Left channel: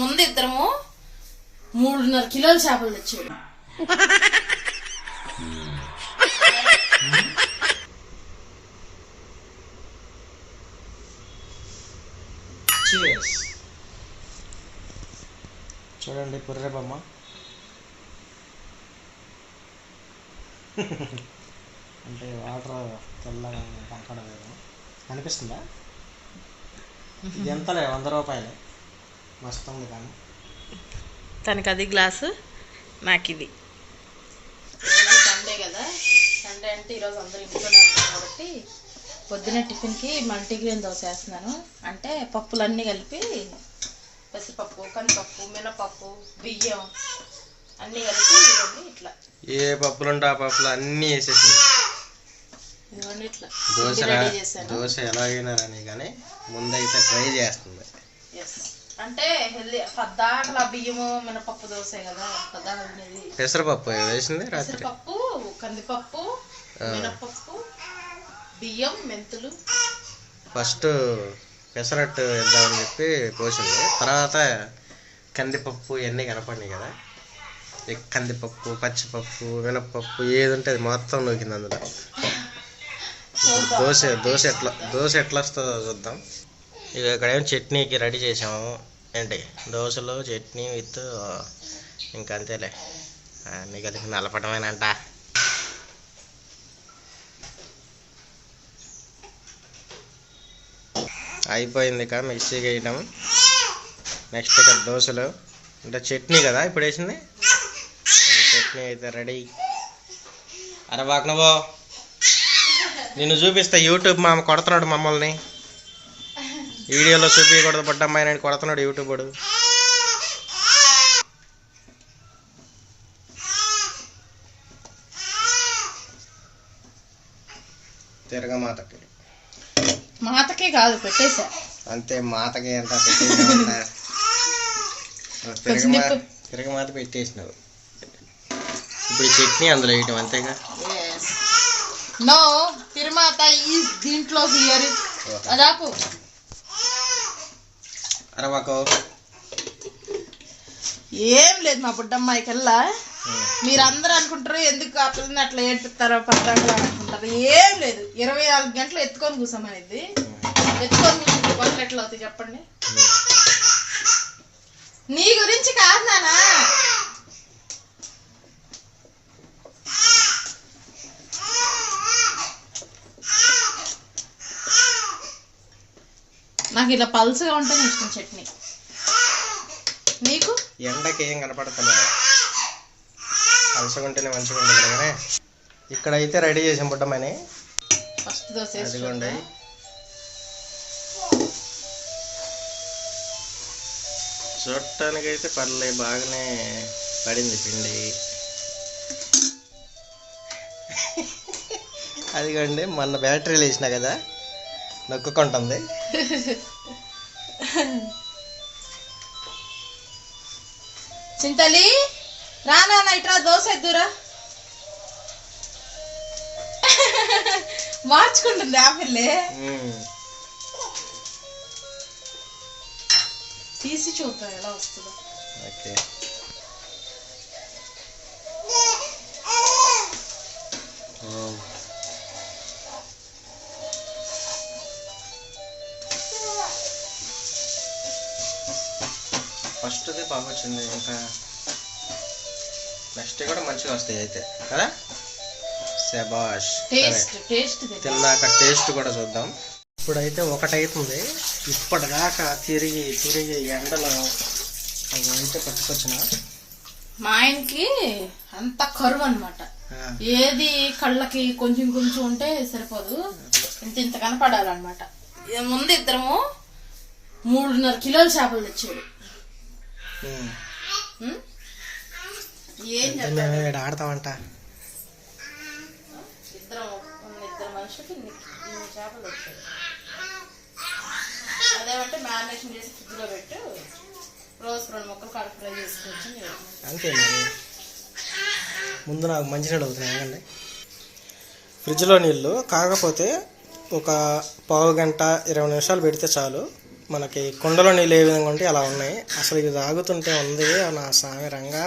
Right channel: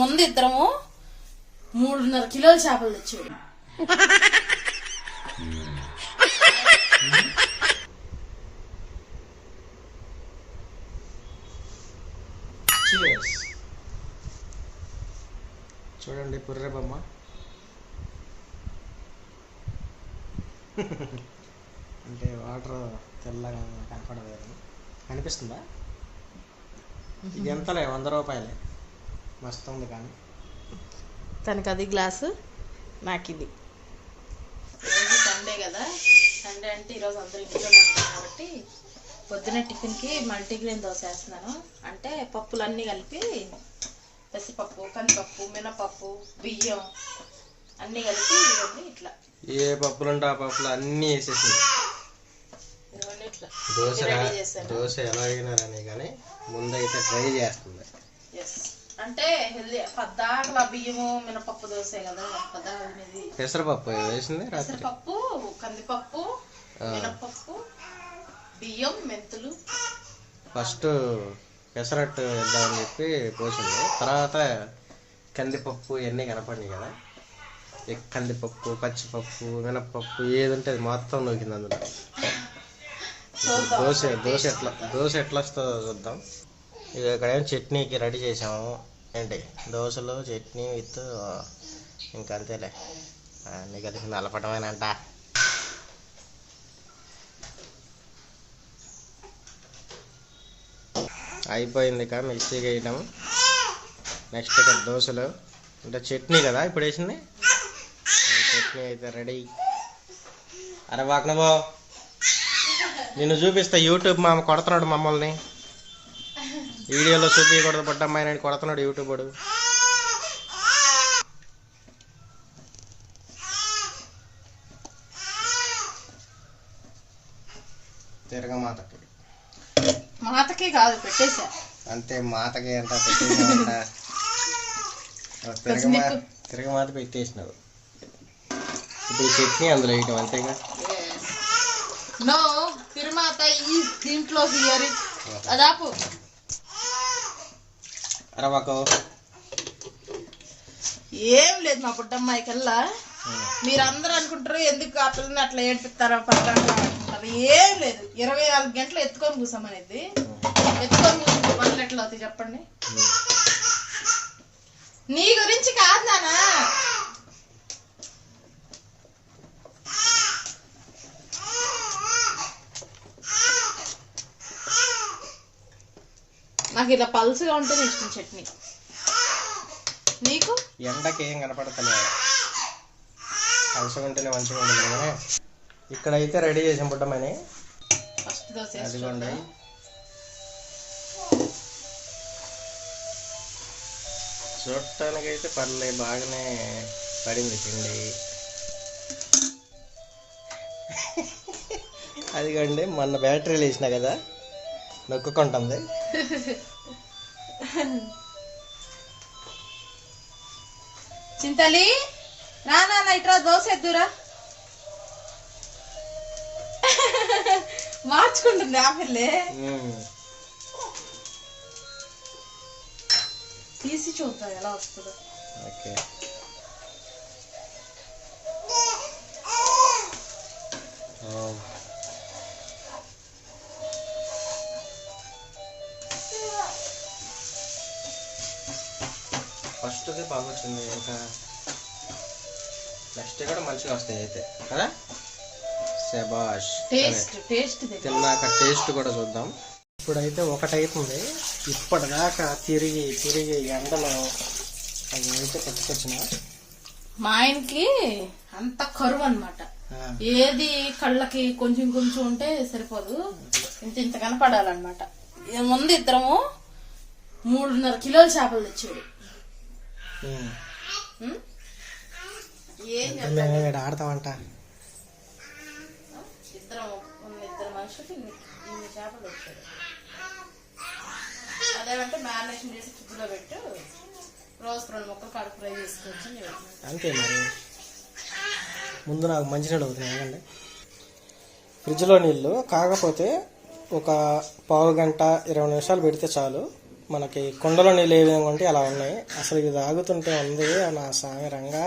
ముందు ఇద్దరము మూడున్నర కిలోల చేపలు తెచ్చాడు చూడండి పుర్రె బొమ్మ. అంటే వాటర్ తెల్లగా కనపడలేదు. కనిపిస్తుందా ఇది ఎంతలే? వంద రూపాయలే. మస్తు ఉంది కానీ. తనకి అది గ్లాసు నాకు ఇది సండే కదా. సండే అంటే ఈరోజు అందరూ ఇంట్లోనే ఉంటాం కాబట్టి పొద్దునే టిఫిన్కి మల్టీగ్రెయిన్ దోశ వేస్తున్నాను. అంటే పప్పులన్నీ కలిపి పెసరపప్పు కందిపప్పు మినపప్పు బియ్యం అన్నీ కలిపి ఇవన్నీ ఇట్లా. ఏ పప్పులు ఉంటే ఆ పప్పులు అన్నీ వేసేసింది ఇవన్నీ ఇట్లా. దోశ చేశాను. దోశ ఎలాగైనా రాని కానీ ముందైతే ట్రై చేస్తుంది. ఎస్ అంటే హెల్దీ పద్దాకల బియ్యము మినపప్పు దోశ కదా పెసరపప్పు వేసింది రాత్రి? పెసరపప్పు కందిపప్పు. మినపప్పు బియ్యం మెంతులు. ఫస్ట్ పెసరట్టు వేద్దామని చెప్పి పోసింది తర్వాత కందిపప్పు ఇవన్నీ కనపడినాయి కదా. కందిపప్పు పచ్చిపప్పు మినపప్పు ఏది ఉంటే అది మొత్తం నూకింది అందులో. దోశ దోశ ఎట్లా దోశ ఎట్లా వస్తుందో చూద్దాం. ఇక ఇక్కడ ఏం చట్నీకి రెడీ చేసాము ఏంటి? దోశలు చట్నీ విత్ ఇంకా అంతేలే అన్నీ కలిపి నలపడమేనంట అయిపోయింది ఇక మిక్సీ వేయడం నెక్స్ట్ ఇక దోశలు. అంటే చట్నీ కదా ఇప్పుడు వేసింది? చట్నీ అయితే రెడీ. అరే వాక్ నిన్ను చూపిస్తా యూట్యూబ్ మామ కొడుతున్నాడు మమ్మల్ని. వీడియోలో చూపించకూడదు పడ్డమ్మాయి నేను కొడుతున్నాడు యూట్యూబ్ వాడు. తిరగమాతకి మాతకే. కాదు పెట్టేశా. అంతే మాతకి అంతా పెట్టేసామంట తిరగమా తిరగమాత పెట్టేసినావు. ఇప్పుడు చట్నీ అందులో వేయటం అంతేగా? నో తిరుమాత ఈ దీంట్లో హియర్. అదాపు. అరవాకు. ఏం లేదు మా బుడ్డమ్మాయి కల్లా. మీరు అందరూ అనుకుంటారు ఎందుకు ఆ పిల్లని అట్లా ఏడిపిస్తారో పక్కన అనుకుంటారు. ఏం లేదు. ఇరవై నాలుగు గంటలు ఎత్తుకొని కూసామనేది ఎత్తుకొని కూర్చుంటే పనులు ఎట్లా అవుతాయి చెప్పండి? నీ గురించి కాదు నానా. నాకు ఇలా పల్సగా ఉంటుంది ఇష్టం చట్నీ. నీకు? ఎండకి ఏం కనపడతలేదు. ఉంటేనే మంచిగా ఉంటుంది కానీ ఇక్కడైతే రెడీ చేసాం పుట్టమని. ఫస్ట్ దోశ అదిగోండి. చూడటానికైతే పర్లే బాగానే పడింది పిండి. అదిగోండి మొన్న బ్యాటరీలు వేసిన కదా నొక్కుకుంటుంది. చింతలి రా నాన్న ఇట్రా దోశ ఎద్దురా. మార్చుకుంటుంది ఉమ్. తీసి చూద్దాం ఎలా వస్తుందో. ఓకే. ఫస్ట్ది బాగా వచ్చింది ఇంకా నెక్స్ట్ కూడా మంచిగా వస్తాయి అయితే కదా? శబాష్ తిన్నాక టేస్ట్ కూడా చూద్దాం. ఇప్పుడైతే ఒకటైతుంది ఇప్పటిదాకా తిరిగి తిరిగి ఎండలో అవి అయితే పట్టుకొచ్చిన. మా ఆయనకి అంత కరువు అన్నమాట. ఆ, ఏది కళ్ళకి కొంచెం కొంచెం ఉంటే సరిపోదు. ఇంత ఇంత కనపడాలన్నమాట. ఇది ముందు ఇద్దరము మూడున్నర కిలోల చేపలు తెచ్చాడు ఉమ్. ఉం? ఏం అంటే చెప్ప- మేము ఇక్కడ ఆడతామంట. ఇద్దరం ఉన్న ఇద్దరు మనుషులకి ఇన్ని ఇన్ని చేపలు తెచ్చాడు అదేమంటే మ్యారినేషన్ చేసి ఫ్రిడ్జ్లో పెట్టు. రోజు రెండు ముక్కలు కడుపు ఫ్రై చేసుకోవచ్చు అని చెప్పాను. అంతే మరి. ముందు నాకు మంచినీళ్ళు అవుతున్నాయి ఆగండి. ఫ్రిడ్జ్లో నీళ్ళు కాకపోతే ఒక పావు గంట ఇరవై నిమిషాలు పెడితే చాలు. మనకి కుండలో నీళ్ళు ఏ విధంగా ఉంటే అలా ఉన్నాయి. అసలు ఇది తాగుతుంటే ఉంది నా సామి రంగా.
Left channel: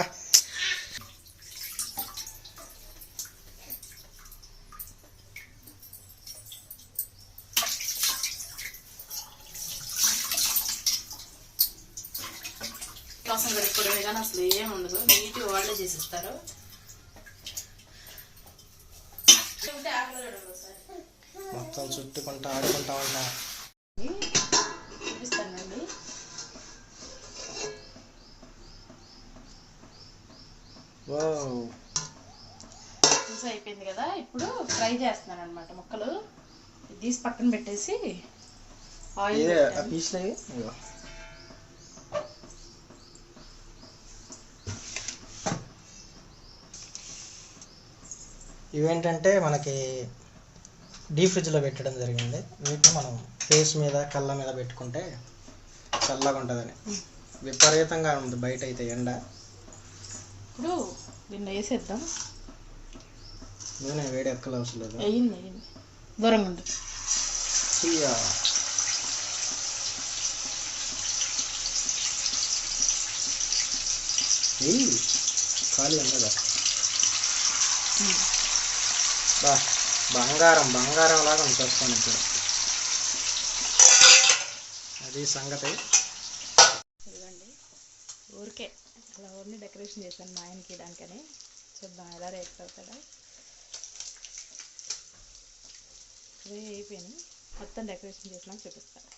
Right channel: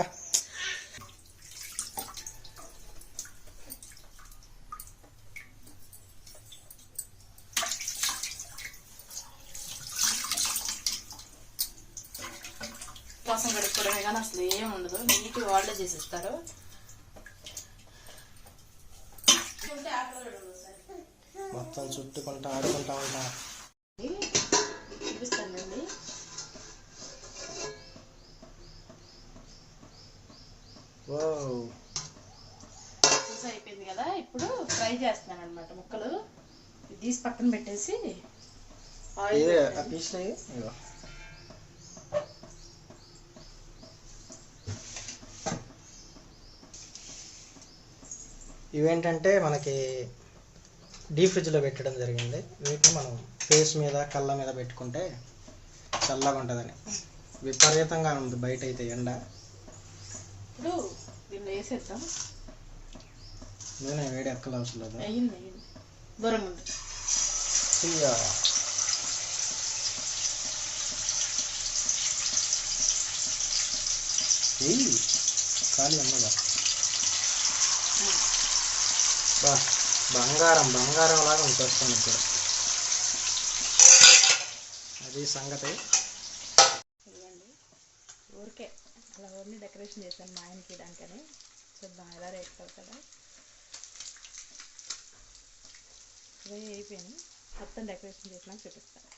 కోసం కడుక్కోవడమే కానీ అసలు ఏం ఉండదు. వాళ్ళే చేసిస్తారు. మొత్తం చుట్టుకుంటా ఆడుకుంటా ఉంటా. చూపిస్తానండి చూసి అయిపోయింది కదా ఇప్పుడు ఫ్రై చేస్తున్నాను అనమాట ముక్కలు తీసి పక్కన పెట్టేసి ఆయిల్ ఇవేంటంటే మనకి డీప్ ఫ్రిడ్జ్లో పెట్టడం జరిగింది. వీటిని మనం ఫేస్ మీద కళ్ళ మీద పెట్టుకుంటే చల్లగా ఉంటుందని. విపరీతంగా ఉంది బయట అయితే ఎండ. ఇప్పుడు దీన్ని వేసేద్దాం. నూనె వేడి ఎక్కలు అవసరం లేదు? అయ్యింది అయ్యింది. దూరంగా ఉంది. ఖాళీ అమ్మదా బా. బంగారం బంగారం లాగా ఉంచేస్తాను ఇప్పుడు అది సంగతి. ఇదిగోండి. ఊరికే అలా ఊరిని డెకరేషన్ చేశాను మా ఆయనకి ఇవ్వడానికని. చూద్దాం ఎలా రేట్ అవుతాడో ఫ్రై అయిపోయినాయి. మొత్తం డెకరేషన్ చేసినాక చూపిస్తాను